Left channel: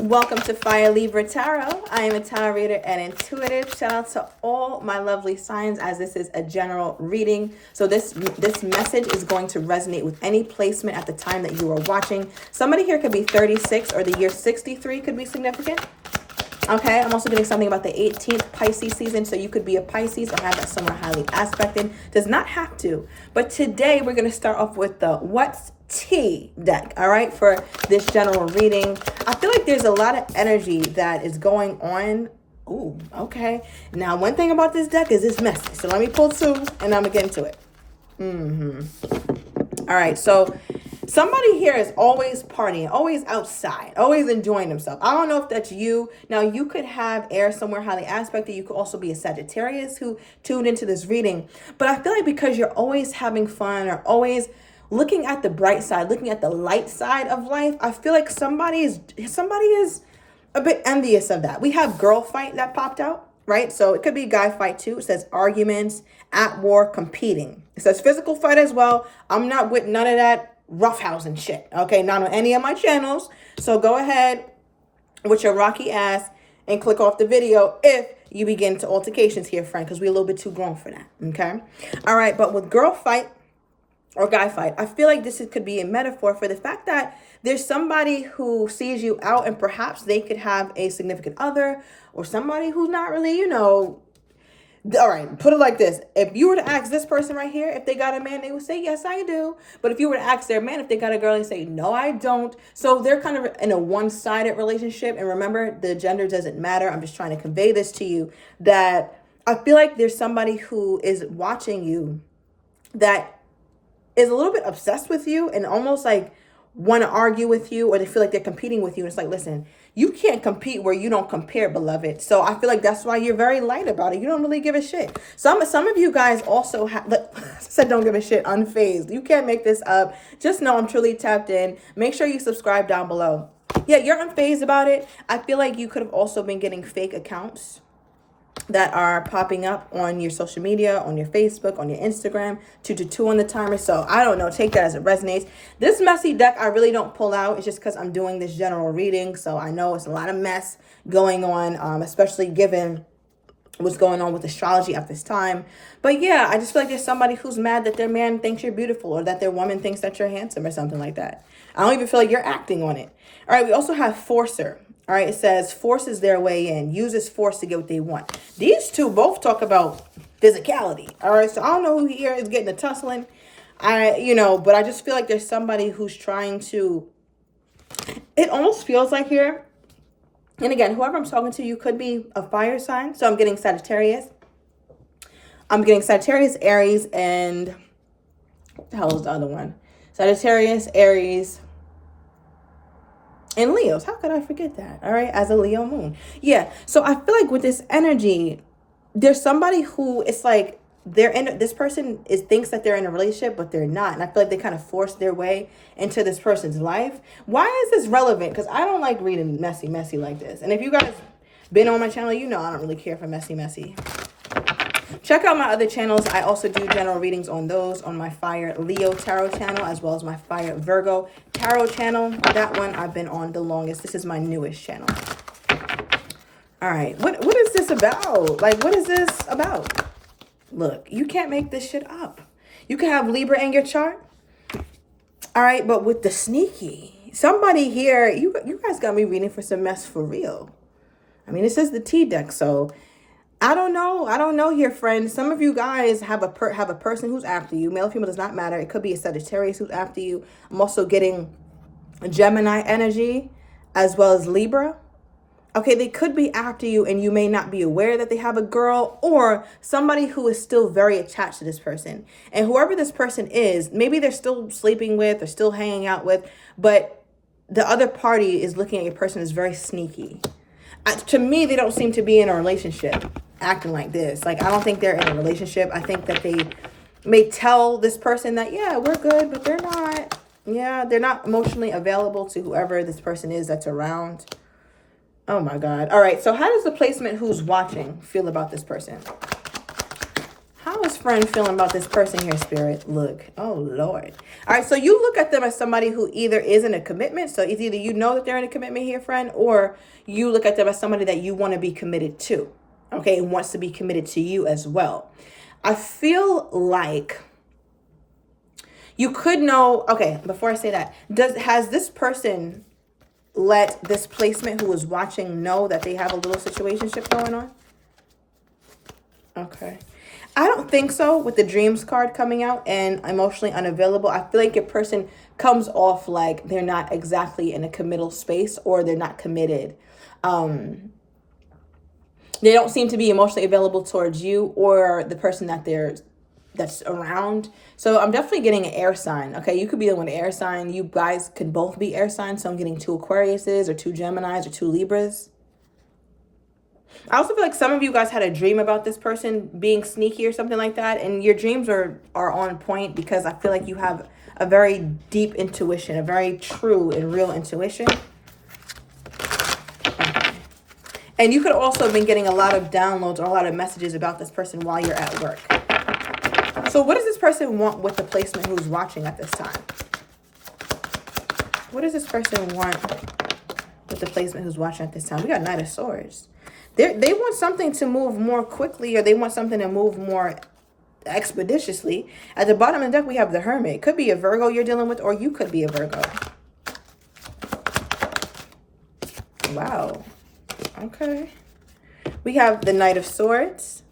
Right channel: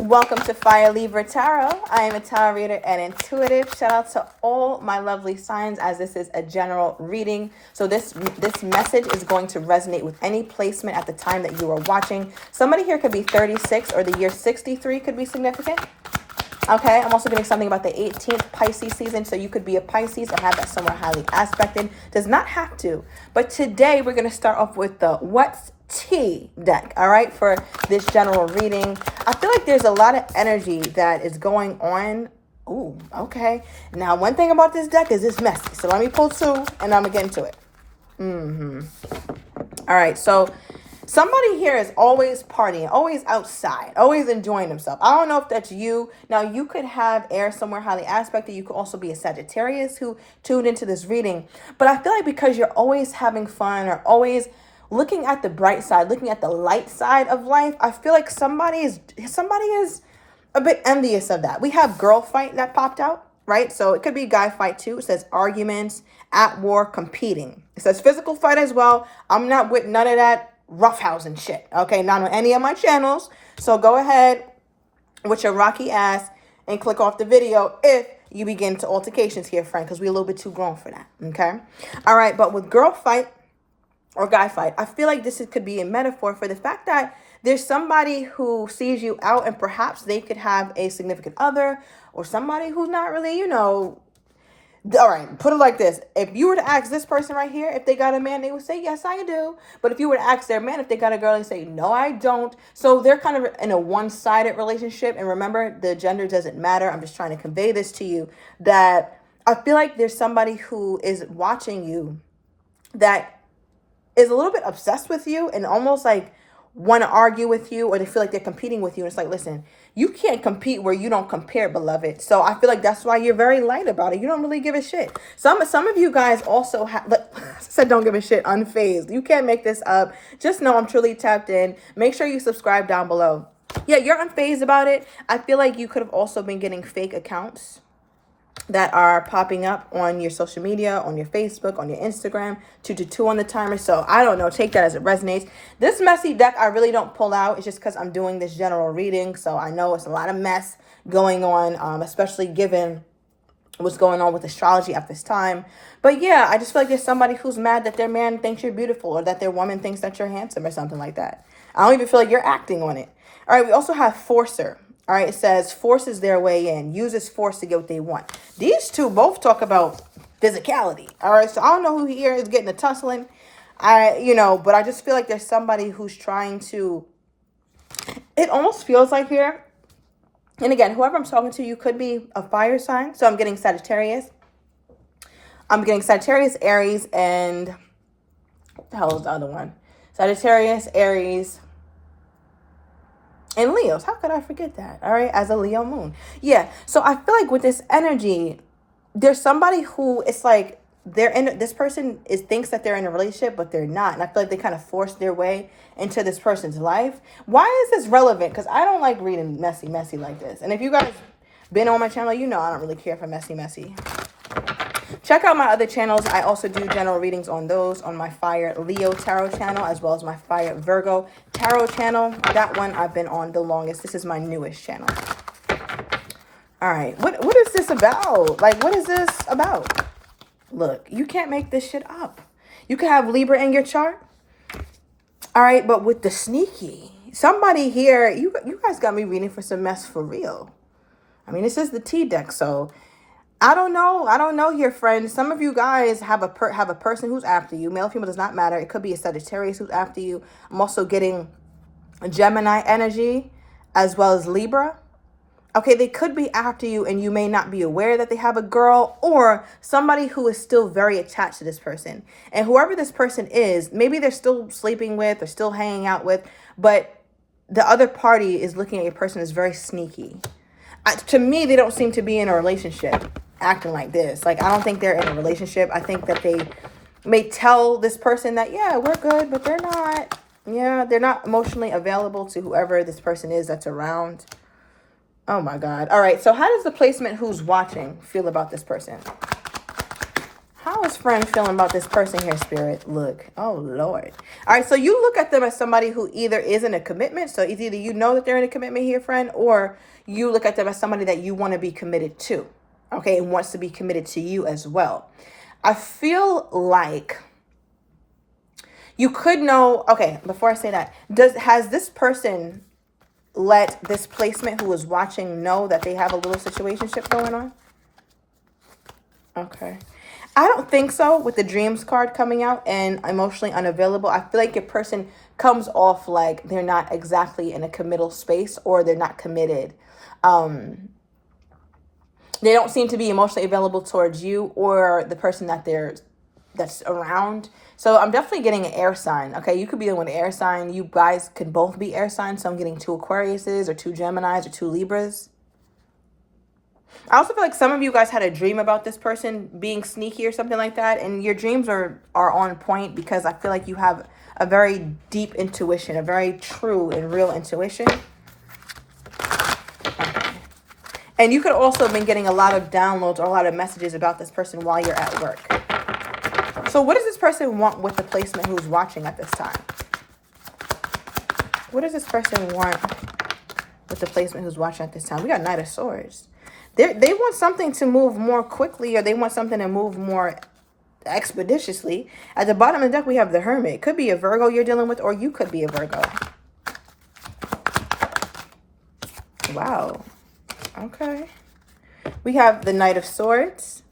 Welcome to Fire Libra Tarot. I am a tarot reader and intuitive. Shout out to all my lovely signs, as this is a general reading. So this message is going to resonate with any placement at the time that you are watching. Somebody here could be 36 or the year 63 could be significant. Okay, I'm also getting something about the 18th Pisces season, so you could be a Pisces or have that somewhere highly aspected. Does not have to. But today we're going to start off with the What's Tea deck, all right, for this general reading. I feel like there's a lot of energy that is going on. Ooh, okay. Now, one thing about this deck is it's messy. So let me pull two and I'm going to get into it. All right, so somebody here is always partying, always outside, always enjoying themselves. I don't know if that's you. Now, you could have air somewhere highly aspected. You could also be a Sagittarius who tuned into this reading. But I feel like because you're always having fun or always looking at the bright side, looking at the light side of life, I feel like somebody is a bit envious of that. We have girl fight that popped out, right? So it could be guy fight too. It says arguments, at war, competing. It says physical fight as well. I'm not with none of that roughhousing shit, okay? Not on any of my channels. So go ahead with your rocky ass and click off the video if you begin to altercations here, friend, because we're a little bit too grown for that, okay? All right, but with girl fight or guy fight, I feel like could be a metaphor for the fact that there's somebody who sees you out and perhaps they could have a significant other or somebody who's not really, all right, put it like this. If you were to ask this person right here, if they got a man, they would say, yes, I do. But if you were to ask their man, if they got a girl, they say, no, I don't. So they're kind of in a one-sided relationship. And remember, the gender doesn't matter. I'm just trying to convey this to you, that I feel like there's somebody who is watching you that is a little bit obsessed with you and almost like want to argue with you, or they feel like they're competing with you. And it's like, listen, you can't compete where you don't compare, beloved. So I feel like that's why you're very light about it. You don't really give a shit. Some of you guys also have, said don't give a shit, unfazed. You can't make this up. Just know I'm truly tapped in. Make sure you subscribe down below. Yeah, you're unfazed about it. I feel like you could have also been getting fake accounts that are popping up on your social media, on your Facebook, on your Instagram, 2 on the timer. So I don't know, take that as it resonates. This messy deck I really don't pull out. It's just because I'm doing this general reading. So I know it's a lot of mess going on, especially given what's going on with astrology at this time. But yeah, I just feel like there's somebody who's mad that their man thinks you're beautiful or that their woman thinks that you're handsome or something like that. I don't even feel like you're acting on it. All right, we also have Forcer. All right, it says forces their way in, uses force to get what they want. These two both talk about physicality. All right, so I don't know who here is getting the tussling. But I just feel like there's somebody who's trying to, it almost feels like here, and again, whoever I'm talking to, you could be a fire sign. So I'm getting Sagittarius. I'm getting Sagittarius, Aries, and what the hell is the other one? Sagittarius, Aries, and Leos. How could I forget that? All right, as a Leo moon. Yeah, so I feel like with this energy, there's somebody who it's like this person thinks that they're in a relationship, but they're not. And I feel like they kind of force their way into this person's life. Why is this relevant? Because I don't like reading messy like this. And if you guys been on my channel, I don't really care for messy. Check out my other channels. I also do general readings on those, on my Fire Leo Tarot channel, as well as my Fire Virgo Tarot channel. That one I've been on the longest. This is my newest channel. All right. What is this about? Like, what is this about? Look, you can't make this shit up. You can have Libra in your chart. All right, but with the sneaky, somebody here, you guys got me reading for some mess for real. I mean, this is the T deck, so I don't know here, friends. Some of you guys have a person who's after you. Male or female does not matter. It could be a Sagittarius who's after you. I'm also getting Gemini energy as well as Libra. Okay, they could be after you and you may not be aware that they have a girl, or somebody who is still very attached to this person. And whoever this person is, maybe they're still sleeping with or still hanging out with, but the other party is looking at your person as very sneaky. To me, they don't seem to be in a relationship acting like this. Like, I don't think they're in a relationship. I think that they may tell this person that, yeah, we're good, but they're not. Yeah, they're not emotionally available to whoever this person is that's around. Oh my God. All right. So how does the placement who's watching feel about this person? How is friend feeling about this person here, Spirit? Look. Oh, Lord. All right, so you look at them as somebody who either is in a commitment. So it's either you know that they're in a commitment here, friend, or you look at them as somebody that you want to be committed to. Okay, and wants to be committed to you as well. I feel like you could know. Okay, before I say that, has this person let this placement who is watching know that they have a little situationship going on? Okay. I don't think so with the dreams card coming out and emotionally unavailable. I feel like your person comes off like they're not exactly in a committal space, or they're not committed. They don't seem to be emotionally available towards you or the person that's around. So I'm definitely getting an air sign. Okay, you could be with an air sign. You guys could both be air signs. So I'm getting 2 Aquariuses or 2 Geminis or 2 Libras. I also feel like some of you guys had a dream about this person being sneaky or something like that. And your dreams are on point, because I feel like you have a very deep intuition, a very true and real intuition. Okay. And you could also have been getting a lot of downloads or a lot of messages about this person while you're at work. So what does this person want with the placement who's watching at this time? What does this person want with the placement who's watching at this time? We got Knight of Swords. They want something to move more quickly, or they want something to move more expeditiously. At the bottom of the deck, we have the Hermit. Could be a Virgo you're dealing with, or you could be a Virgo. Wow. Okay. We have the Knight of Swords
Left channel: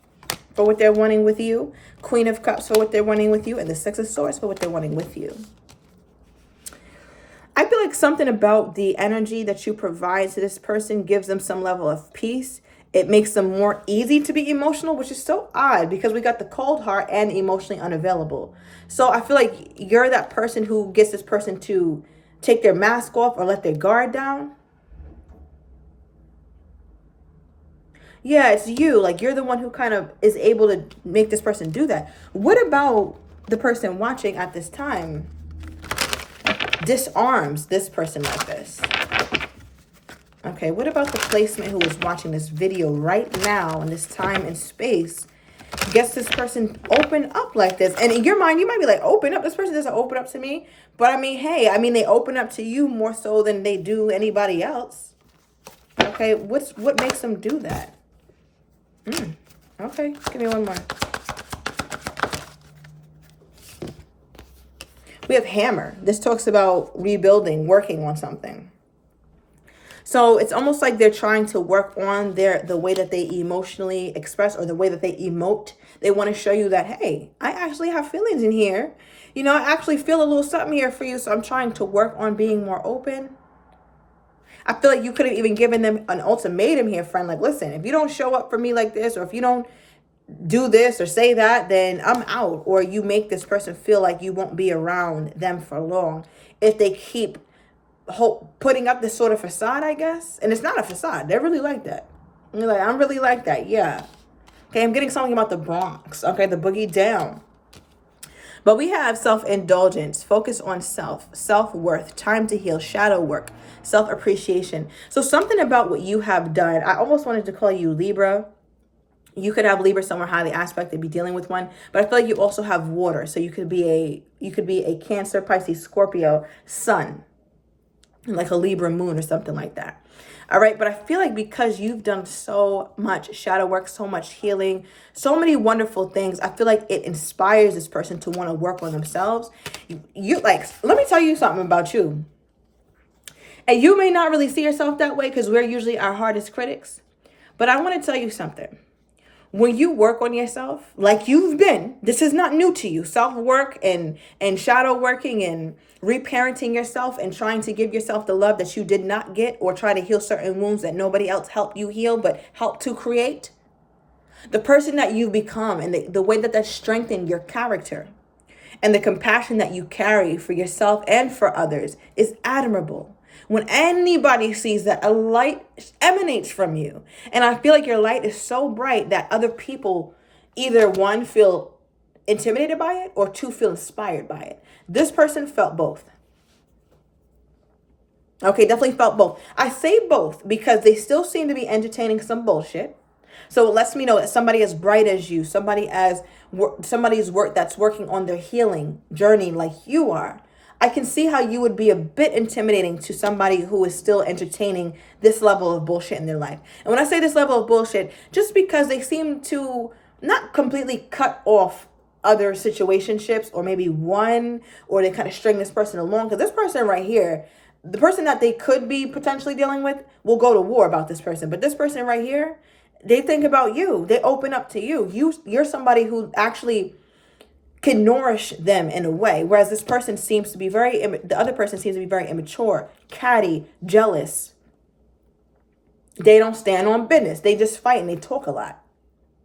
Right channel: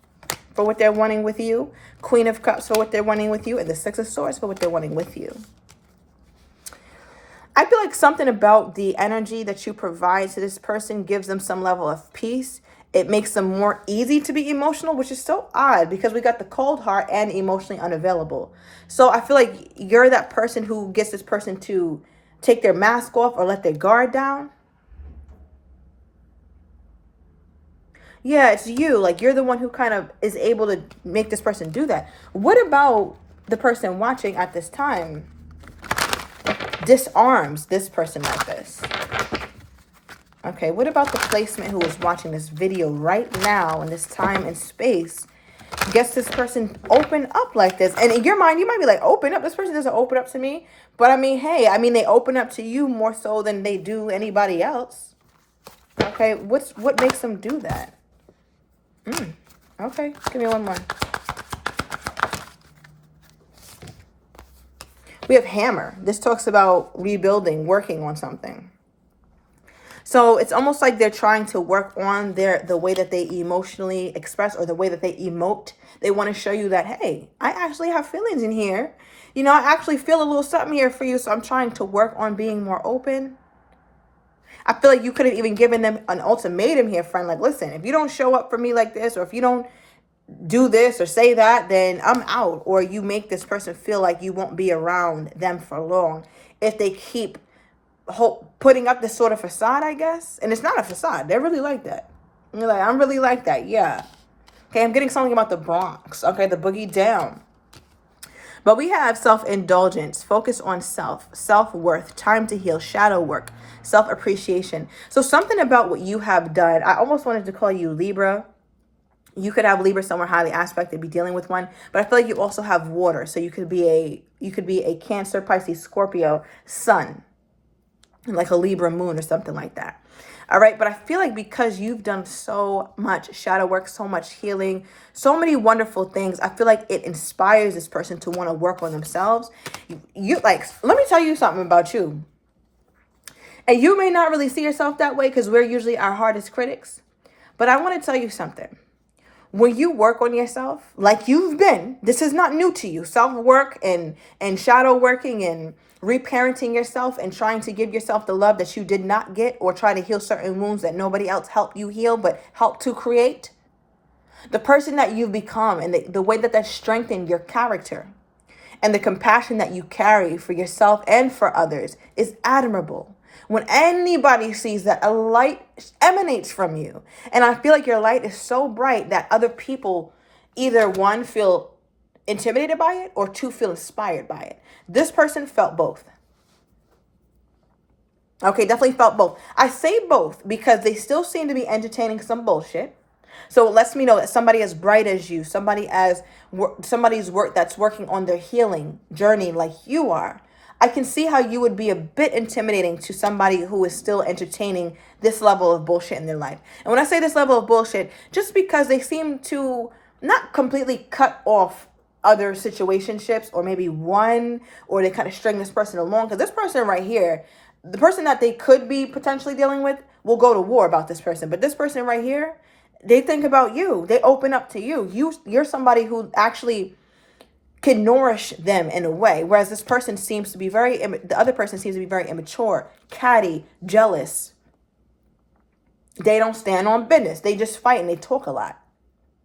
for what they're wanting with you. Queen of Cups for what they're wanting with you. And the Six of Swords for what they're wanting with you. I feel like something about the energy that you provide to this person gives them some level of peace. It makes them more easy to be emotional, which is so odd because we got the cold heart and emotionally unavailable. So I feel like you're that person who gets this person to take their mask off or let their guard down. Yeah, it's you. Like, you're the one who kind of is able to make this person do that. What about the person watching at this time disarms this person like this? Okay, what about the placement who is watching this video right now in this time and space gets this person open up like this? And in your mind, you might be like, open up? This person doesn't open up to me. But I mean, hey, they open up to you more so than they do anybody else. Okay, what makes them do that? Okay, give me one more. We have Hammer. This talks about rebuilding, working on something. So it's almost like they're trying to work on the way that they emotionally express, or the way that they emote. They want to show you that, hey, I actually have feelings in here. You know, I actually feel a little something here for you. So I'm trying to work on being more open. I feel like you could have even given them an ultimatum here, friend. Like, listen, if you don't show up for me like this, or if you don't do this or say that, then I'm out. Or you make this person feel like you won't be around them for long if they keep putting up this sort of facade, I guess. And it's not a facade. They're really like that. You're like, I'm really like that. Yeah. Okay, I'm getting something about the Bronx. Okay, the boogie down. But we have self-indulgence, focus on self-worth, time to heal, shadow work, self-appreciation. So something about what you have done, I almost wanted to call you Libra. You could have Libra somewhere highly aspected, be dealing with one. But I feel like you also have water. So you could be a Cancer, Pisces, Scorpio, Sun, like a Libra moon or something like that. All right. But I feel like because you've done so much shadow work, so much healing, so many wonderful things, I feel like it inspires this person to want to work on themselves. You like, let me tell you something about you. And you may not really see yourself that way because we're usually our hardest critics. But I want to tell you something. When you work on yourself, like you've been, this is not new to you. Self-work and shadow working and reparenting yourself and trying to give yourself the love that you did not get, or try to heal certain wounds that nobody else helped you heal but helped to create. The person that you've become and the way that strengthened your character and the compassion that you carry for yourself and for others is admirable. When anybody sees that, a light emanates from you. And I feel like your light is so bright that other people either, one, feel intimidated by it, or two, feel inspired by it. This person felt both. Okay, definitely felt both. I say both because they still seem to be entertaining some bullshit. So it lets me know that somebody as bright as you, somebody's work that's working on their healing journey like you are. I can see how you would be a bit intimidating to somebody who is still entertaining this level of bullshit in their life. And when I say this level of bullshit, just because they seem to not completely cut off other situationships, or maybe one, or they kind of string this person along. Because this person right here, the person that they could be potentially dealing with, will go to war about this person. But this person right here, they think about you. They open up to you. You're somebody who actually can nourish them in a way. Whereas this person seems to be the other person seems to be very immature, catty, jealous. They don't stand on business. They just fight and they talk a lot.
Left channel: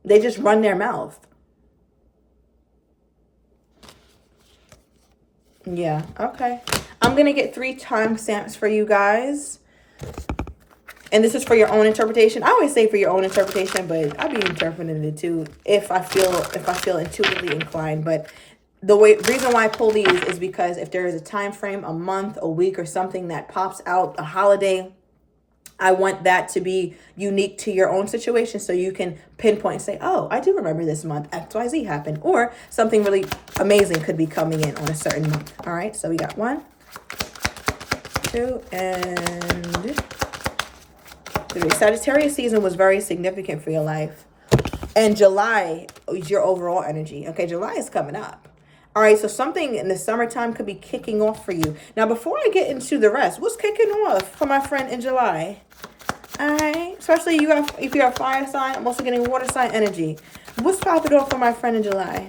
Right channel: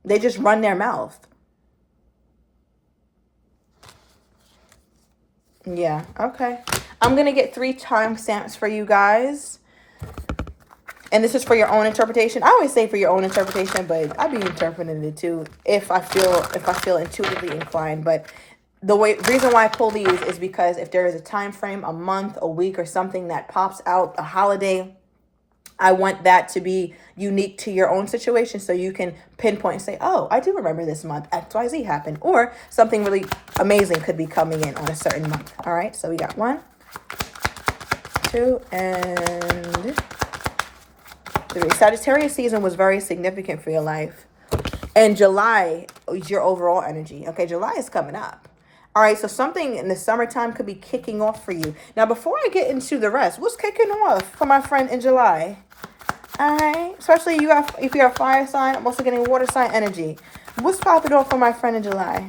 They just run their mouth. Yeah, okay. I'm going to get 3 timestamps for you guys. And this is for your own interpretation. I always say for your own interpretation, but I be interpreting it too if I feel intuitively inclined. But reason why I pull these is because if there is a time frame, a month, a week, or something that pops out, a holiday, I want that to be unique to your own situation, so you can pinpoint and say, oh, I do remember this month XYZ happened, or something really amazing could be coming in on a certain month. All right, so we got 1, 2, and 3. Sagittarius season was very significant for your life. And July is your overall energy. Okay, July is coming up. All right, so something in the summertime could be kicking off for you. Now, before I get into the rest, what's kicking off for my friend in July? All right, especially if you're a fire sign, I'm also getting water sign energy. What's popping off for my friend in July?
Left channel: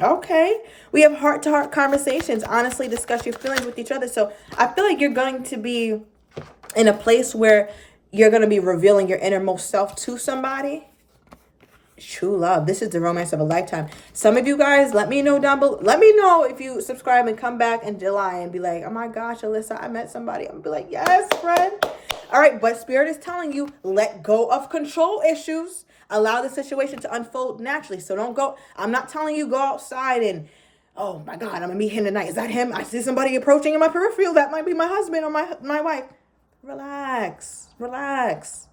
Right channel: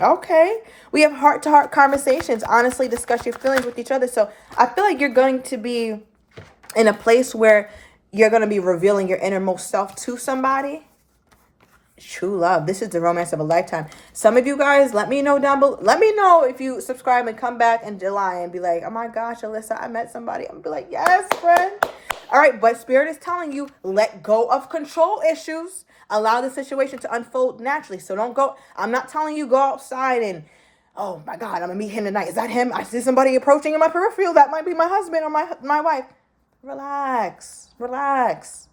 Okay. We have heart-to-heart conversations. Honestly, discuss your feelings with each other. So I feel like you're going to be in a place where you're going to be revealing your innermost self to somebody. True love. This is the romance of a lifetime. Some of you guys, let me know down below. Let me know if you subscribe and come back in July and be like, oh my gosh, Alyssa, I met somebody. I'm going to be like, yes, friend. All right, but Spirit is telling you, let go of control issues. Allow the situation to unfold naturally. So don't go. I'm not telling you go outside and, oh my God, I'm going to meet him tonight. Is that him? I see somebody approaching in my peripheral. That might be my husband or my wife. Relax. Relax.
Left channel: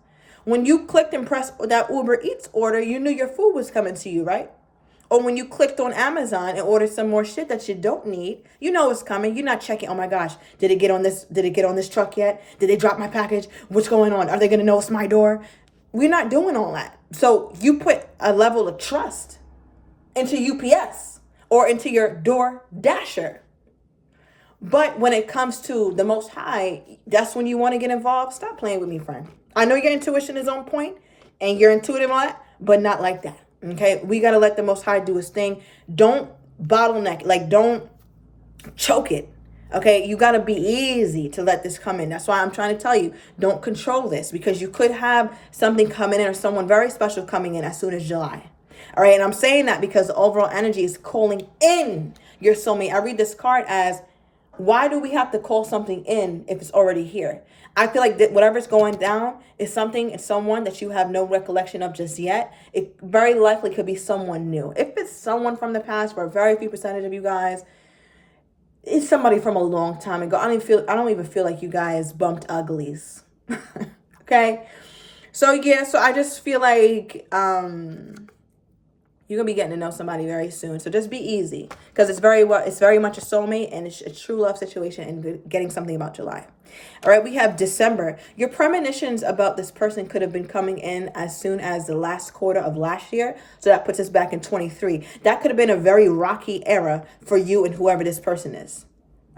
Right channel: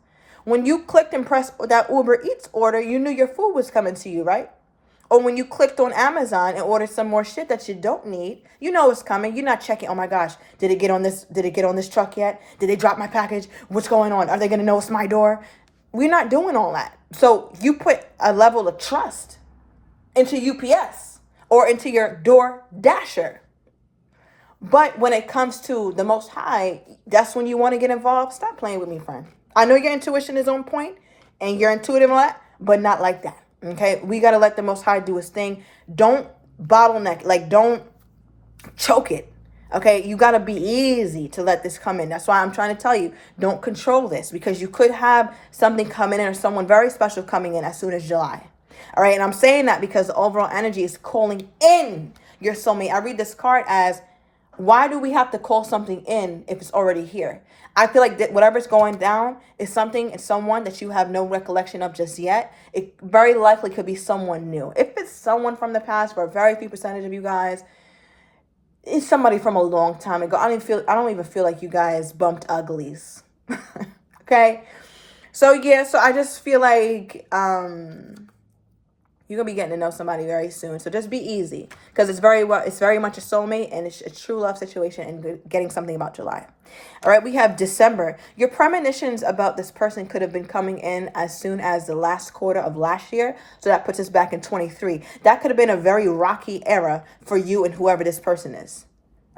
When you clicked and pressed that Uber Eats order, you knew your food was coming to you, right? Or when you clicked on Amazon and ordered some more shit that you don't need, you know it's coming. You're not checking, oh my gosh, did it get on this truck yet? Did they drop my package? What's going on? Are they going to know it's my door? We're not doing all that. So you put a level of trust into UPS or into your Door Dasher. But when it comes to the Most High, that's when you want to get involved. Stop playing with me, friend. I know your intuition is on point and you're intuitive and all that, but not like that. Okay? We got to let the Most High do his thing. Don't bottleneck. Like, don't choke it. Okay? You got to be easy to let this come in. That's why I'm trying to tell you, don't control this, because you could have something coming in or someone very special coming in as soon as July. All right? And I'm saying that because the overall energy is calling in your soulmate. I read this card as, why do we have to call something in if it's already here? I feel like that whatever's going down is someone that you have no recollection of just yet. It very likely could be someone new. If it's someone from the past, for a very few percentage of you guys, it's somebody from a long time ago. I don't even feel like you guys bumped uglies. Okay? So yeah, so I just feel like you're going to be getting to know somebody very soon. So just be easy, because it's very much a soulmate, and it's a true love situation, and getting something about July. All right, we have December. Your premonitions about this person could have been coming in as soon as the last quarter of last year. So that puts us back in 23. That could have been a very rocky era for you and whoever this person is.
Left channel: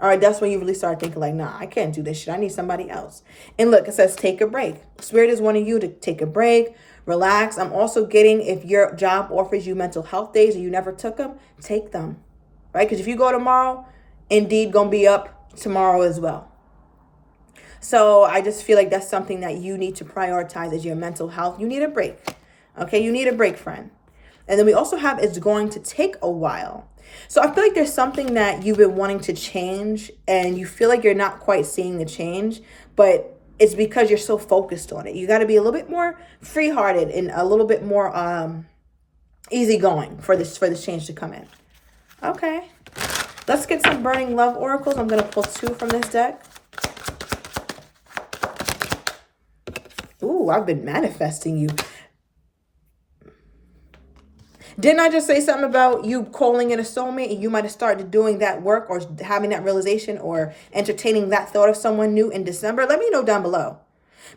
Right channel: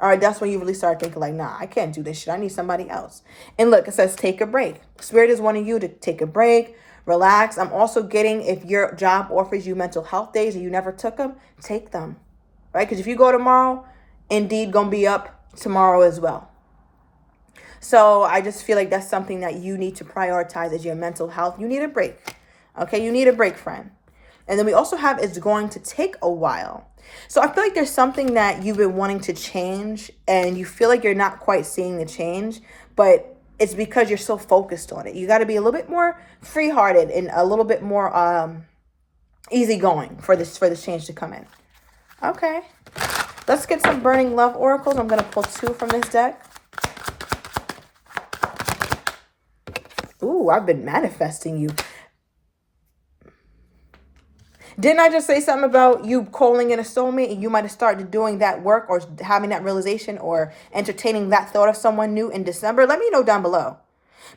All right, that's when you really start thinking like, nah, I can't do this shit. I need somebody else. And look, it says take a break. Spirit is wanting you to take a break, relax. I'm also getting, if your job offers you mental health days and you never took them, take them, right? Because if you go tomorrow, Indeed gonna be up tomorrow as well. So I just feel like that's something that you need to prioritize as your mental health. You need a break. Okay, you need a break, friend. And then we also have, it's going to take a while. So I feel like there's something that you've been wanting to change and you feel like you're not quite seeing the change, but it's because you're so focused on it. You got to be a little bit more free-hearted and a little bit more easygoing for this change to come in. Okay. Let's get some burning love oracles. I'm going to pull 2 from this deck. Ooh, I've been manifesting you. Didn't I just say something about you calling in a soulmate, and you might have started doing that work or having that realization or entertaining that thought of someone new in December? Let me know down below.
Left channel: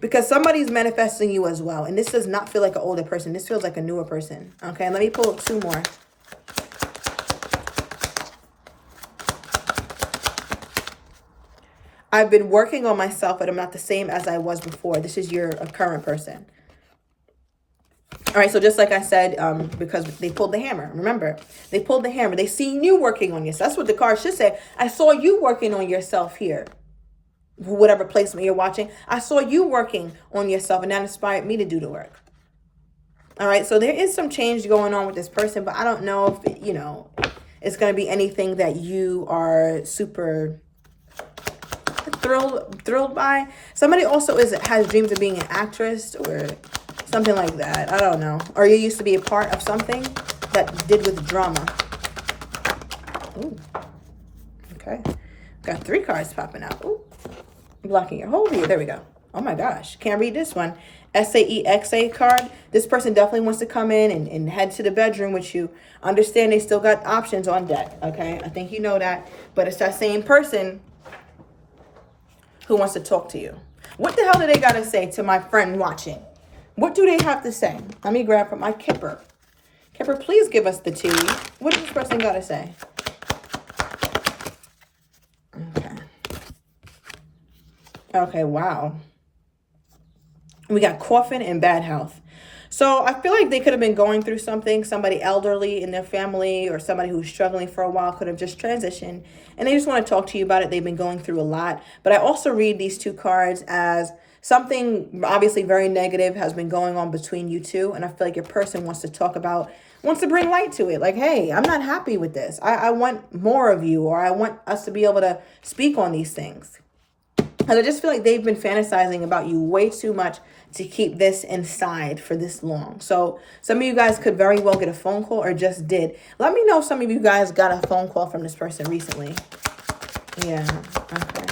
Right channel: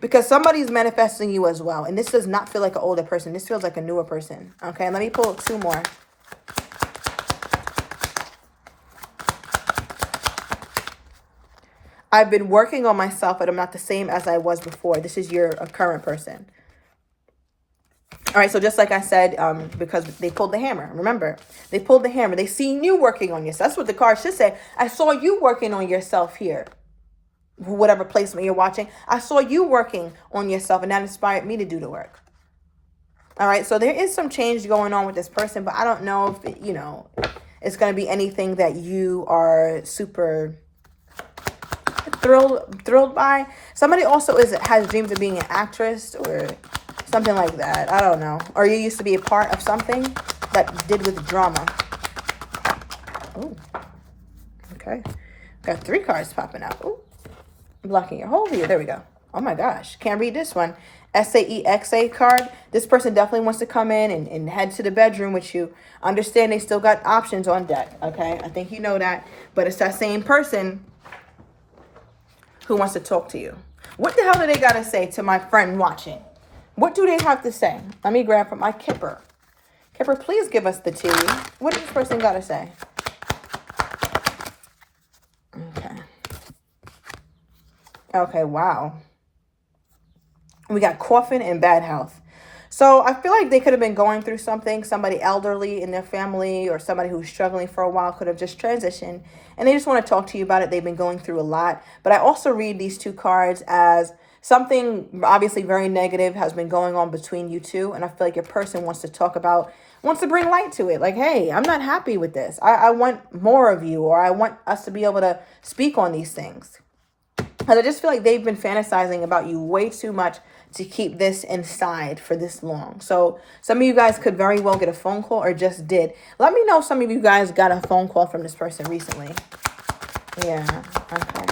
Because somebody's manifesting you as well. And this does not feel like an older person. This feels like a newer person. Okay, let me pull two more. I've been working on myself, but I'm not the same as I was before. This is your current person. All right, so just like I said, because they pulled the hammer. Remember, they pulled the hammer. They seen you working on yourself. That's what the card should say. I saw you working on yourself here. Whatever placement you're watching. I saw you working on yourself, and that inspired me to do the work. All right, so there is some change going on with this person, but I don't know if, it's going to be anything that you are super thrilled by. Somebody also has dreams of being an actress or something like that. I don't know. Or you used to be a part of something that did with drama. Oh, okay. Got 3 cards popping out. Oh, blocking your whole view. There we go. Oh my gosh. Can't read this one. SAEXA card. This person definitely wants to come in and head to the bedroom with you. Understand they still got options on deck. Okay. I think you know that. But it's that same person who wants to talk to you. What the hell do they got to say to my friend watching? What do they have to say? Let me grab from my Kipper. Kipper, please give us the tea. What does this person got to say? Okay. Okay, wow. We got coffin and bad health. So I feel like they could have been going through something. Somebody elderly in their family or somebody who's struggling for a while could have just transitioned. And they just want to talk to you about it. They've been going through a lot. But I also read these 2 cards as something obviously very negative has been going on between you two. And I feel like your person wants to bring light to it. Like, hey, I'm not happy with this. I want more of you, or I want us to be able to speak on these things. And I just feel like they've been fantasizing about you way too much to keep this inside for this long. So some of you guys could very well get a phone call or just did. Let me know if some of you guys got a phone call from this person recently. Yeah, okay.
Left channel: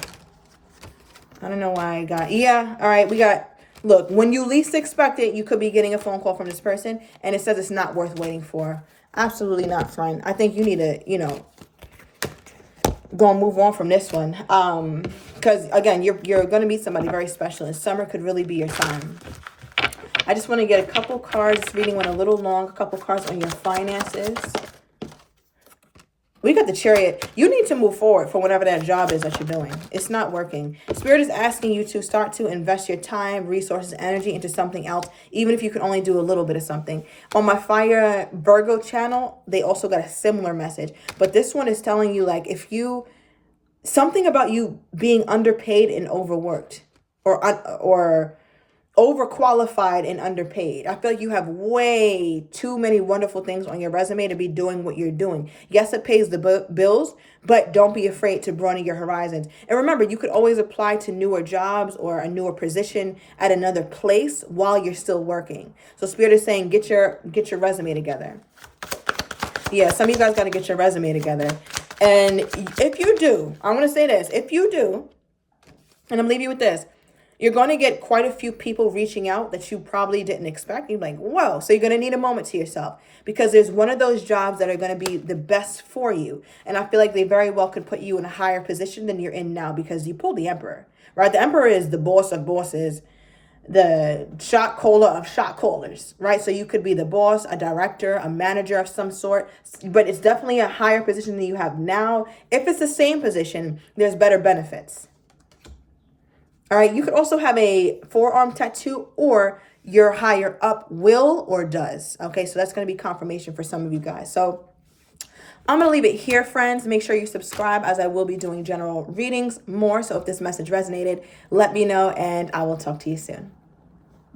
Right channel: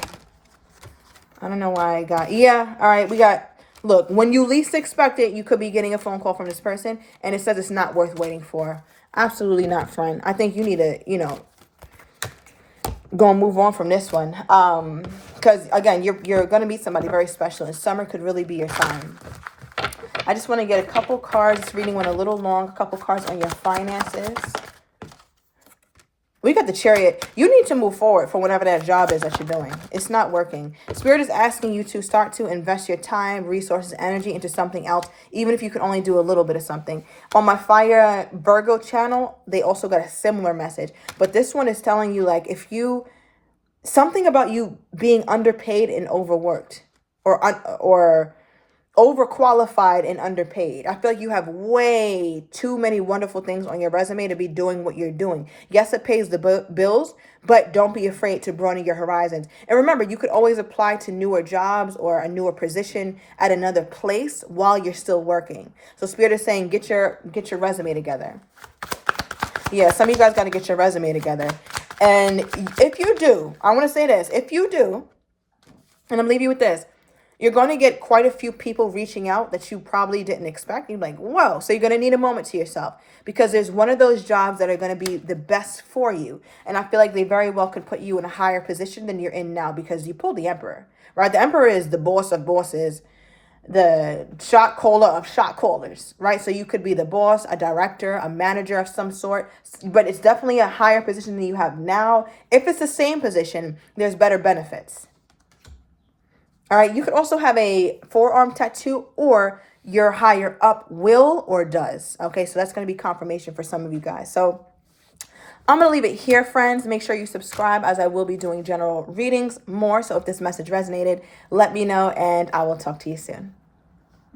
I don't know why I got... Yeah, all right, we got... Look, when you least expect it, you could be getting a phone call from this person, and it says it's not worth waiting for. Absolutely not, friend. I think you need to, go and move on from this one. Because, again, you're going to meet somebody very special, and summer could really be your time. I just want to get a couple cards. This reading went a little long. A couple cards on your finances. We got the Chariot. You need to move forward for whatever that job is that you're doing. It's not working. Spirit is asking you to start to invest your time, resources, energy into something else, even if you can only do a little bit of something. On my Fire Virgo channel, they also got a similar message. But this one is telling you, like, something about you being underpaid and overworked, or overqualified and underpaid. I feel like you have way too many wonderful things on your resume to be doing what you're doing. Yes, it pays the bills, but don't be afraid to broaden your horizons. And remember, you could always apply to newer jobs or a newer position at another place while you're still working. So Spirit is saying, get your resume together. Yeah, some of you guys got to get your resume together. And if you do, I want to say this, if you do, and I'm leaving you with this, you're going to get quite a few people reaching out that you probably didn't expect. You're like, whoa. So you're going to need a moment to yourself, because there's one of those jobs that are going to be the best for you. And I feel like they very well could put you in a higher position than you're in now, because you pulled the Emperor, right? The Emperor is the boss of bosses, the shot caller of shot callers, right? So you could be the boss, a director, a manager of some sort, but it's definitely a higher position than you have now. If it's the same position, there's better benefits. All right, you could also have a forearm tattoo, or your higher up will or does. Okay, so that's going to be confirmation for some of you guys. So I'm going to leave it here, friends. Make sure you subscribe, as I will be doing general readings more. So if this message resonated, let me know, and I will talk to you soon.